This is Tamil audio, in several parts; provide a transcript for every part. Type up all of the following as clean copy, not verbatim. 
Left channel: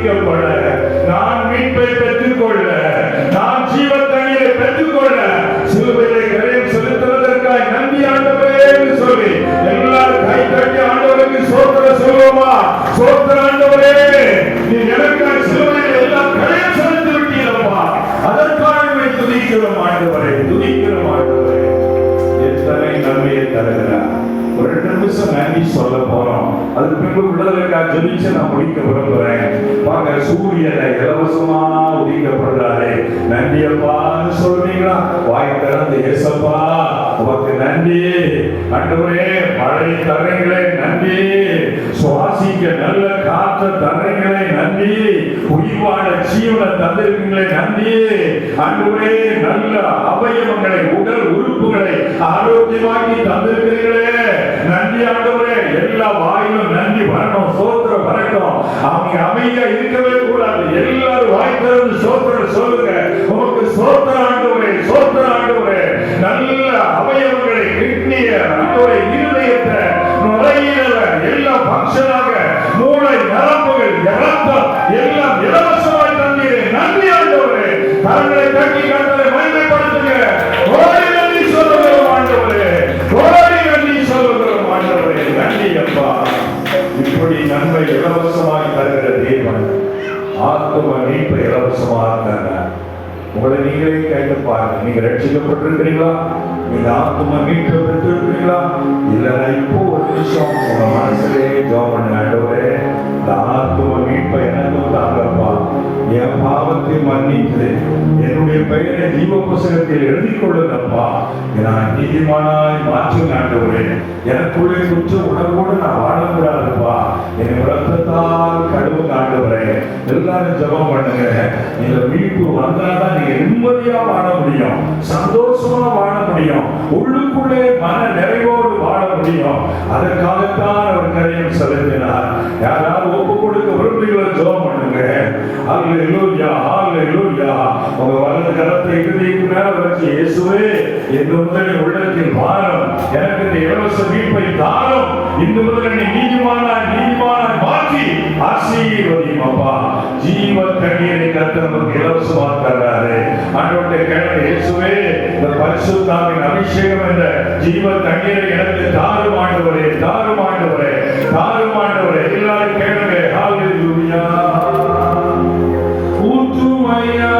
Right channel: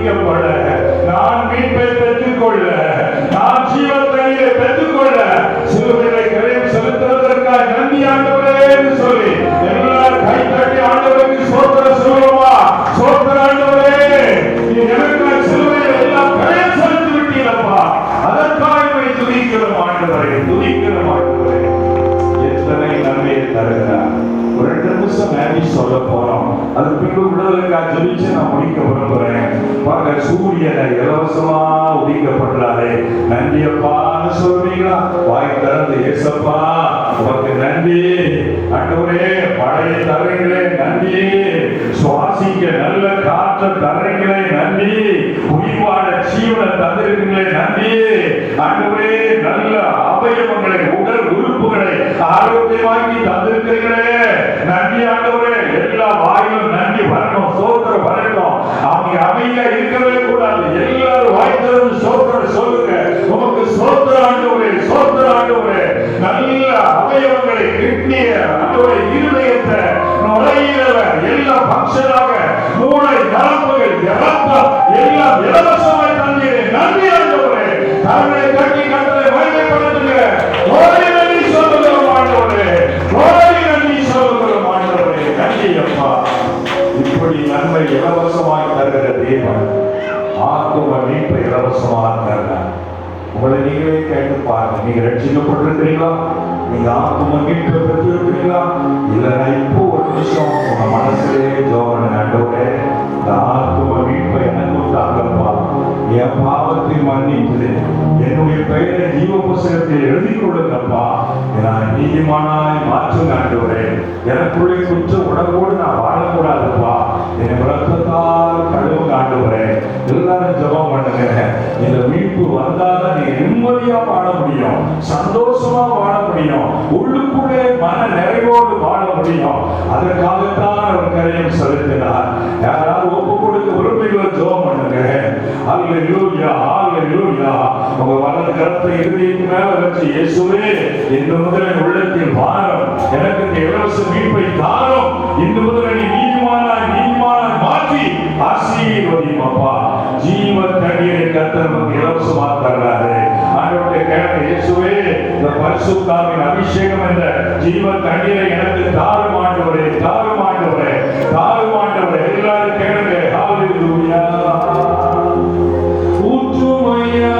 துதிக்கப்பட, நான் மீட்பை பெற்றுக்கொள்ள, நான் ஜீவத்தண்ணீரை பெற்றுக்கொள்ள சிலுவையிலே கரையம் செலுத்துவதற்காய் நன்றி ஆண்டவரே என்று சொல்லி எல்லாரும் கை தட்டி ஆண்டவருக்கு ஸ்தோத்திரம் சொல்லுவோமா? ஸ்தோத்திரம் ஆண்டவரே, நீ எனக்காய் சிலுவையில் எல்லாம் கரையம் செலுத்தி விட்டீரப்பா, அதற்காக துதிக்கிறோம் ஆண்டவரே, துதிக்கிறோம் ஆண்டவரே. எத்தனை நன்மையை தருகிறார். ஒரு 2 நிமிஷம் நன்றி சொல்ல போறோம். அது பின்பு விடுதலைக்காக ஜெபிச்சு நான் முடிக்க விரும்புறேன். பாருங்க, சூரியனை இலவசமா உதிக்கப்படுறாரே, நன்றி அப்பான்னு சொல்றீங்களா? வாய் திறந்து ஏசப்பா உனக்கு நன்றி ஆண்டவரே, மழை தரங்களே நன்றி, சுவாசிக்க நல்ல காற்று தரங்களே நன்றி, உயிர்வாழ ஜீவனை தந்திருக்கீங்களே நன்றி ஆண்டவரே, நல்ல அவயவங்களை உடல் உறுப்புகளை ஆரோக்கியமாக்கி தந்திருக்கிறீங்களே நன்றி ஆண்டவரே. எல்லா வாயிலும் நன்றி வரணும், சோத்திரம் வரணும். அவங்க அமைதியா இருக்கவே கூடாது. எல்லாரும் வாய் திறந்து சோத்திரம் சொல்லுங்க. உமக்கு சோத்திரம் ஆண்டவரே, சோத்திரம் ஆண்டவரே. நல்ல அவயவங்களை கிட்னிய ஆண்டவரே, இருதயத்தை நுரையீரல எல்லாம் பங்கனாக மூளை நரம்புகள் இரத்தம் எல்லாம் இலவசமாய் தந்தீரே நன்றி ஆண்டவரே. கரங்களை கட்டி கட்டளை மகிமைப்படுத்துங்க. கோடி நன்றி சொல்லுகிறோம் ஆண்டவரே, கோடி நன்றி சொல்லுகிறோம் ஆண்டவரே. நன்றி அப்பா. இப்படி நன்மை இலவசமாய் தருகிற தேவன் ஆத்தும மீட்பை இலவசமாக தருகிறார். உங்களை நீங்களே கேட்டு பாருங்க. நீங்க ரட்சிக்கப்பட்டிருக்கிறீங்களா? நீங்க ஆத்தும மீட்பை பெற்றிருக்கிறீங்களா? இல்லைன்னா இப்போ ஒரு நிமிஷம் உங்க மனசுலே ஜெபம் பண்ணுங்க. ஆண்டவரே, இந்த ஆத்தும மீட்பை எனக்கும் தாங்கப்பா, என் பாவத்தை மன்னித்து என்னுடைய பெயரை ஜீவ புஸ்தகத்தில் எழுதி கொள்ளுங்கப்பா, நான் நீதிமானாய் மாற்றுங்க ஆண்டவரே. எனக்குள்ளே குற்ற உணர்வோடு நான் வாழக்கூடாதுப்பா, என் ரத்தத்தால் கழுவுங்க ஆண்டவரே. எல்லாரும் ஜெபம் பண்ணுங்க. இந்த மீட்பு வந்தாதான் நீங்க நிம்மதியா வாழ முடியும், சந்தோஷமா வாழ முடியும், உள்ளுக்குள்ளே மன நிறைவோடு வாழ முடியும். அதற்காகத்தான் அவர் கரையம் செலுத்தினார். யாராவது ஒப்பு கொடுக்க விரும்புகிறீங்களோ ஜெபம் பண்ணுங்க. அல்லேலூயா, அல்லேலூயா. உங்க வலது கரத்தை இருதயத்துக்கு மேல வச்சு, இயேசுவே, இந்த முதல் உள்ளத்தில் வாரும், எனக்கு இந்த இலவச மீட்பை தாரும், இந்த முதல் நீ நீதிமானாய் நீதிமானாய் மாற்றி ஆசீர்வதியும் அப்பா. ஜீவ தண்ணீரை கர்த்தர் நமக்கு இலவசமாக தர்றாரு. ஆண்டவருடைய கேளுங்க, இயேசுவே, இந்த பரிசுத்தாவின் அபிஷேகம் என்ற ஜீவ தண்ணீரை எனக்கு தாரும் ஆண்டவரே, தாரும் ஆண்டவரே, தாரும் ஆண்டவரே. எல்லாரும் கேளுங்க. ஹல்லேலூயா. ஊற்றுமையா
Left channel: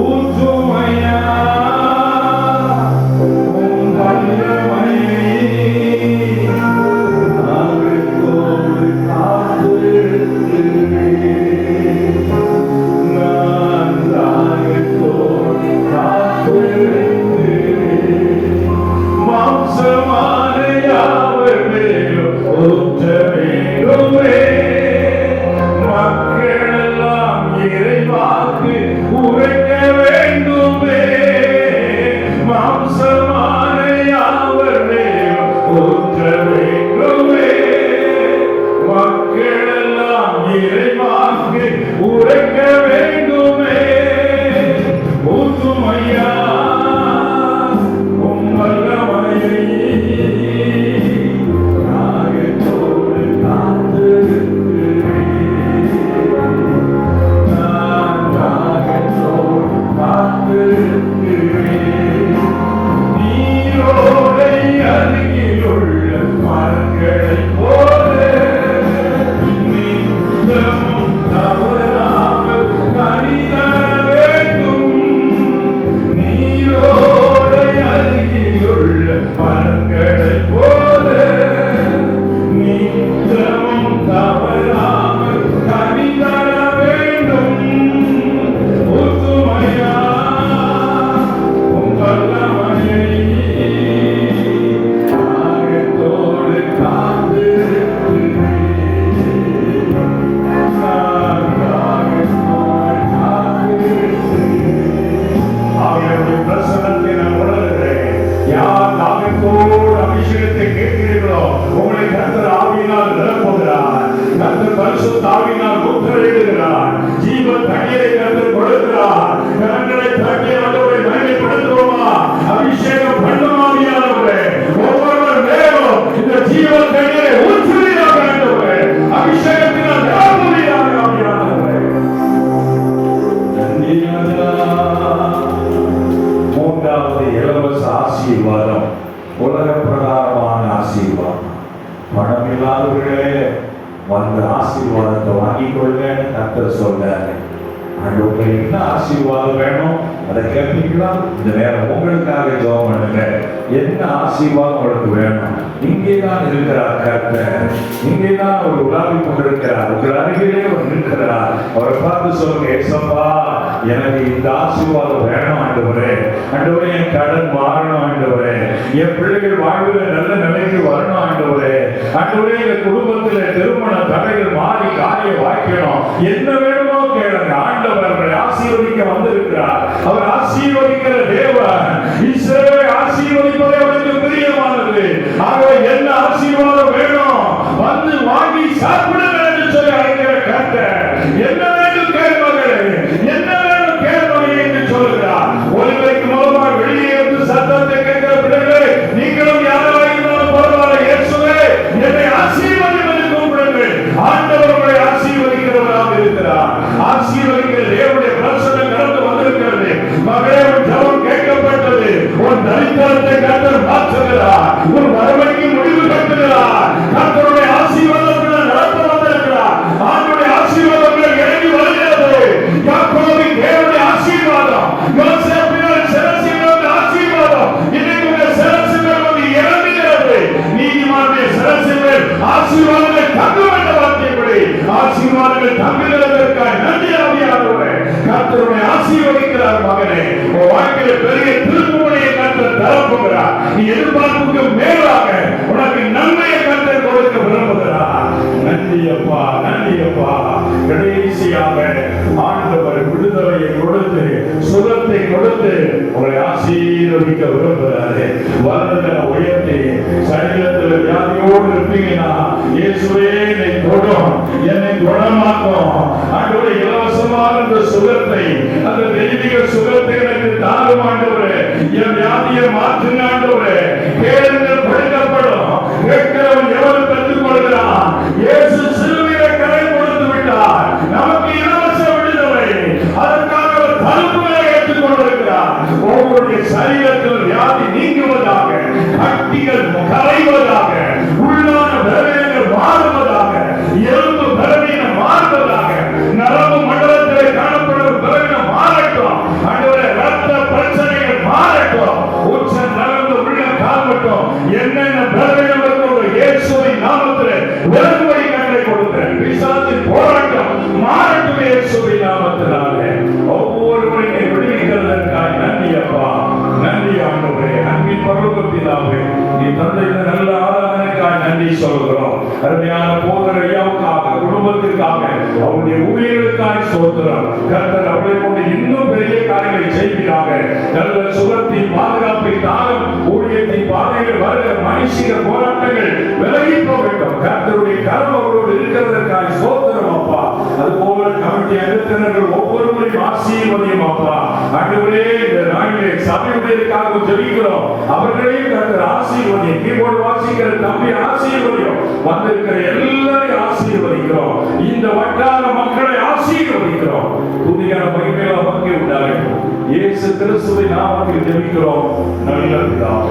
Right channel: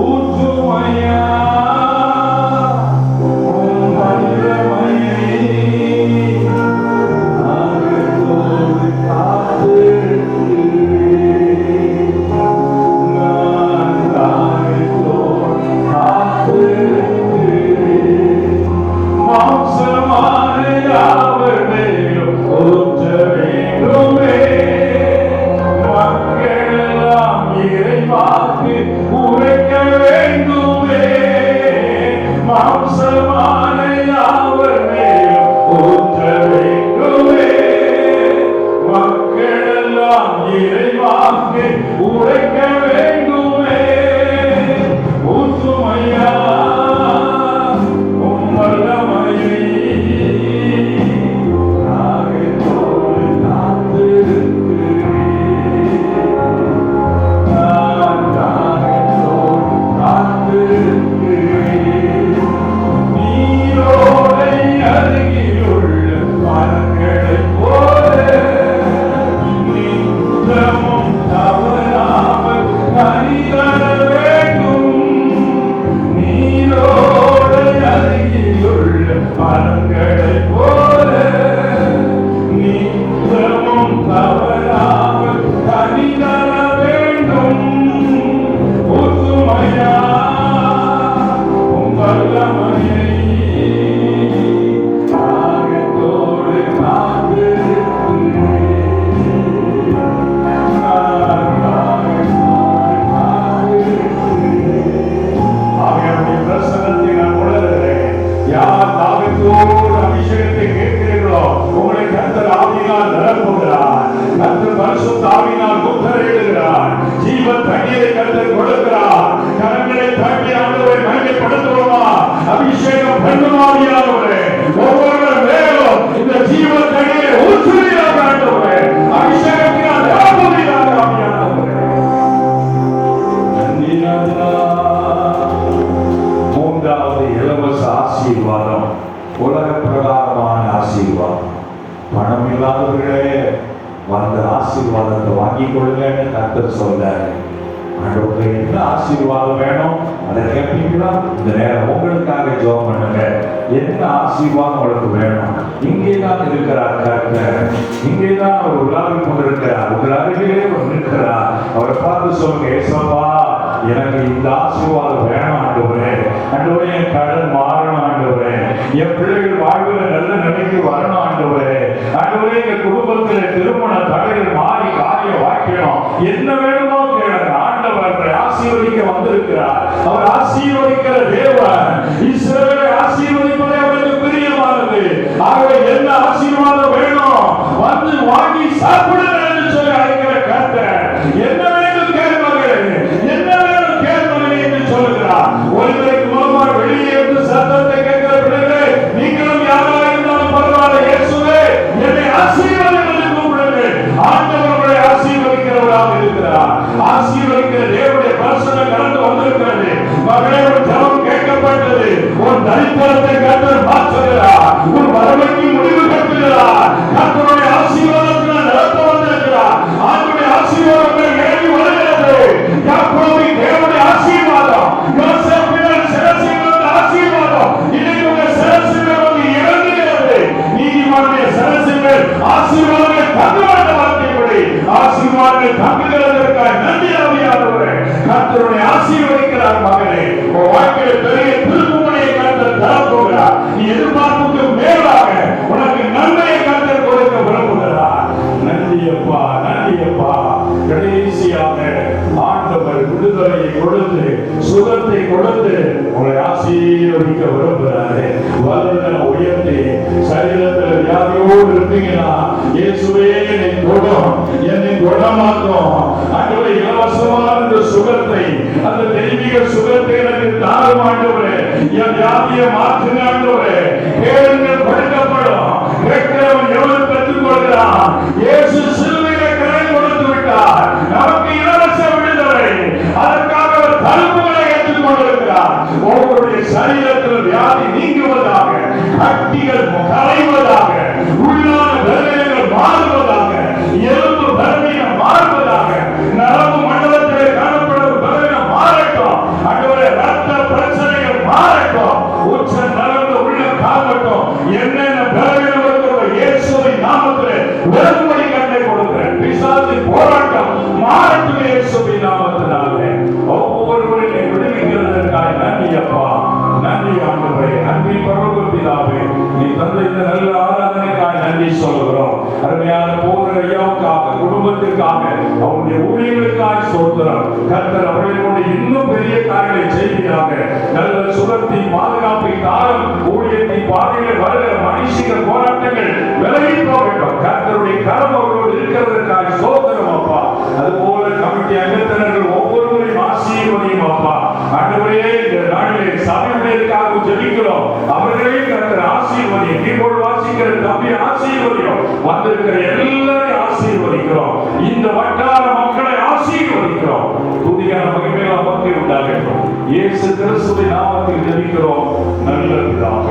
ஊற்றுமையா பரிசுத்த ஆவியினால் முத்திரையிடுகிறார். ஜீவ தண்ணீரை கர்த்தர் கொடுக்கிறார். கரங்களை தட்டி ஆண்டவரை மகிமைப்படுத்துவோமா? அபிஷேகம் பண்ணும் ஆவியானவரே, ஒவ்வொருவர் மேலும் இந்த ஜீவ தண்ணீரை ஊற்றுவீராக ஆண்டவரே, அபிஷேகத்தினால் நிரப்புவீராக ஆவியானவரே. மூன்றாவது இலவச ஆசீர்வாதம், உலக பிரகாரமான ஆசீர்வாதம். பணம் இல்லாதவர்களே வந்த ஆசீர்வாதத்தை வாங்கிக் கொள்ளுங்க கர்த்தர் சொல்றாரு. ஆண்டவருக்கு என்ன ஆசீர்வாதம் வேணும் அதை கேட்பீங்களா? இந்த நேரம் உங்களுக்காக ஜெபம் பண்ணுங்க. என்ன ஆசீர்வாதம் உங்களுக்கு வேணும்? இங்கேதான் இருக்கிறார் கர்த்தர், இங்கேதான் அவர் உலாவி கொண்டிருக்கிறார். உங்கள் அருகிலே அவர் நிற்கிறார். அவரை பார்த்து சொல்லுங்க, ஏசப்பா எனக்கு இந்த ஆசீர்வாதம் வேணும் ஆண்டவரே. ஆண்டவரே என் கடன் மாறணும் ஆண்டவரே, என் பிள்ளைகள் வாழ்வுல நல்ல நிலைக்கு வரணும் ஆண்டவரே. ஆண்டவரே எங்க குடும்பத்துல திருமண தடைகள் மாறி காரியம் வாய்க்கணும். என்ன வேணுமோ கேளுங்க. ஆண்டவர் ஆசீர்வதிக்க வந்திருக்கிறார். அவர் ஆசீர்வதிக்கிற தேவன். இஸ்ரவேலை ஆசீர்வதிப்பது அவருக்கு பிரியமானது. ஆகவே என்ன ஆசீர்வாதம் வேணும் வந்து வாங்கி சாப்பிடுங்க என்று சொல்லி அழைக்கிற கர்த்தர். என்ன வேண்டும் கேள்வார்கள், என்ன வேண்டும் கேள்வார்கள் என்று சொல்லுகிறார். ஒருவருக்கு மூலமாக வெளியே இருந்து சத்தத்தை கேட்கிற பிள்ளைகளே, நீங்களும் யாராக இருந்தாலும் பரவாயில்லை, இயேசுவே என்னை ஆசீர்வாதம் என்று கூப்பிடுங்கள். ஆண்டவர் உங்களை ஆசீர்வதிக்கிறவராக இருக்கிறார். ஆசீர்வதிக்கிற தேவனுடைய பிரசன்னம் கடந்து வந்திருக்கிறது. மகளே ஜெபம் கேட்கப்பட்டது. உன் தரித்திரத்தை கர்த்தர் மாற்றுகிறார். உன் வறுமைக்கு முடிவு கட்டுகிறார். கர்த்தருடைய ஆசீர்வாதத்தினால் நடத்த வந்திருக்கிறார். ஆண்டவருடைய ஆசீர்வாதங்கள் இறங்கி வருகிறது. யாக்கோபின் தேவனுடைய ஆசீர்வாதம், யோசேப்பின் சிரசின் ஆசீர்வாதம் இன்னைக்கு உங்கள் சிரசின் வந்து இறங்குகிறது. நீதிமானுடைய சிரசின் ஆசீர்வாதங்கள் தங்குகிற வார்த்தைப்படி ஆசீர்வாதங்கள் தங்குகிறதற்காக நன்றி ஆவியானவரே. கர்த்தருடைய ஆசீர்வதிக்கிறார். மகனே, உன் வாழ்க்கையில பெரிய திருப்புமுனையை கர்த்தர் தரப்போகிறார். நீ எதிர்பார்ப்புக்கு மேலாக உனக்கு நன்மையை கர்த்தர் கொடுக்க விரும்புகிறார். நன்றி அப்பா, நன்றி அப்பா. கடைசியாக ஆண்டவர் விடுதலையை கொடுத்து சுகத்தை கொடுத்து உங்களை ஆசீர்வதிக்க விரும்புகிறாரு. வருடத்தை உயர்த்தி சரீரத்தில் வியாதியோடு இருப்பீங்கன்னா இயேசுவே என்னை தொடும், என்னை குணமாக்கும். ஆண்டவரே இலவசமான இந்த சுகத்தை, அந்த தெய்வீக சுகத்தை எனக்கு தாரும் ஆண்டவரே. என் வியாதியை மாற்றுங்க ஆண்டவரே. கேளுங்கள் கொடுக்கப்படும். கேட்கிறவன் எவனும் பெற்றுக் கொள்கிறான். இயேசு சிலுவையிலே கரை கொடுத்து விட்டார். நமக்கு இலவச விடுதலை. அதற்காக அவர் தழும்புகளை ஏற்றுக் கொண்டிருக்கிறார். ஒவ்வொருடைய சரீரத்தில் வியாதி நீங்குவதாக, கட்டிகள் கரைவதாக, உள்ளான பலவீனங்கள் மாறுவதாக, எலும்பு பலவீனம் மாறுவதாக, நரம்பு மண்டலத்திலே காணப்படும் பலவீனம் மாறட்டும். ஆண்டவரே ரத்த பிரச்சனைகள் மாறட்டும். உச்ச நரம்பு உள்ள காலட்டும். என்னென்ன பலவீனம் இருக்கிறதோ இயேசுவின் நாமத்திலே விலகும்படி கட்டளை கொடுக்கிறேன். பிசாசின் போராட்டம் மாறட்டும் இயேசுவின் நாமத்தினாலே. ஒவ்வொருவரையும் விடுவிக்கிறதற்காக நன்றி அப்பா, நன்றி ஆண்டவரே. அன்பின் பரலோக பிதாவே, நீ தந்த இந்த நல்ல ஆராதனைக்காக நன்றி சொல்கிறோம். அருமையான போதர் ஐயாவுக்காக, குடும்பத்திற்காக, அவருடைய ஊழியர்களுக்காக ஸ்தோத்திரம். கர்த்தர் அவர்களை கொண்டு இன்னும் பெரிய காரியங்களை செய்வீராக. நல்ல சுகத்தின் பாதுகாப்பை தாரும். ஊழியத்தின் பாதைகள் வருகிற மனுஷிக போராட்டங்கள் விலகி போகட்டும். கர்த்தருடைய கரம் அவரோடு இருக்கிறதற்காக ஸ்தோத்திரம் அப்பா. அதுபோல கமிட்டி அங்கத்தினர்கள் ஒவ்வொருவரையும் ஆசீர்வதியும் அப்பா. ஆண்டவரே இந்த நாளிலே சபையுடையதற்காக ஜெபிக்கிறோம். அவர்களையும் கர்த்தர் ஆசீர்வதியும். கீபோர்டு வாசிக்கிற தம்பி ஆசீர்வதியும். வந்திருக்கிற எல்லாரையும் ஆசீர்வதிக்கிறோம். இந்த வட்டார மக்களை ஆசீர்வதிக்கிறோம். துதியான மகிமையில் நமக்கு உண்டாகட்டும். இயேசு கிறிஸ்துவின் நாமத்தில் ஜெபிக்கிறோம் நல்ல பிதாவே.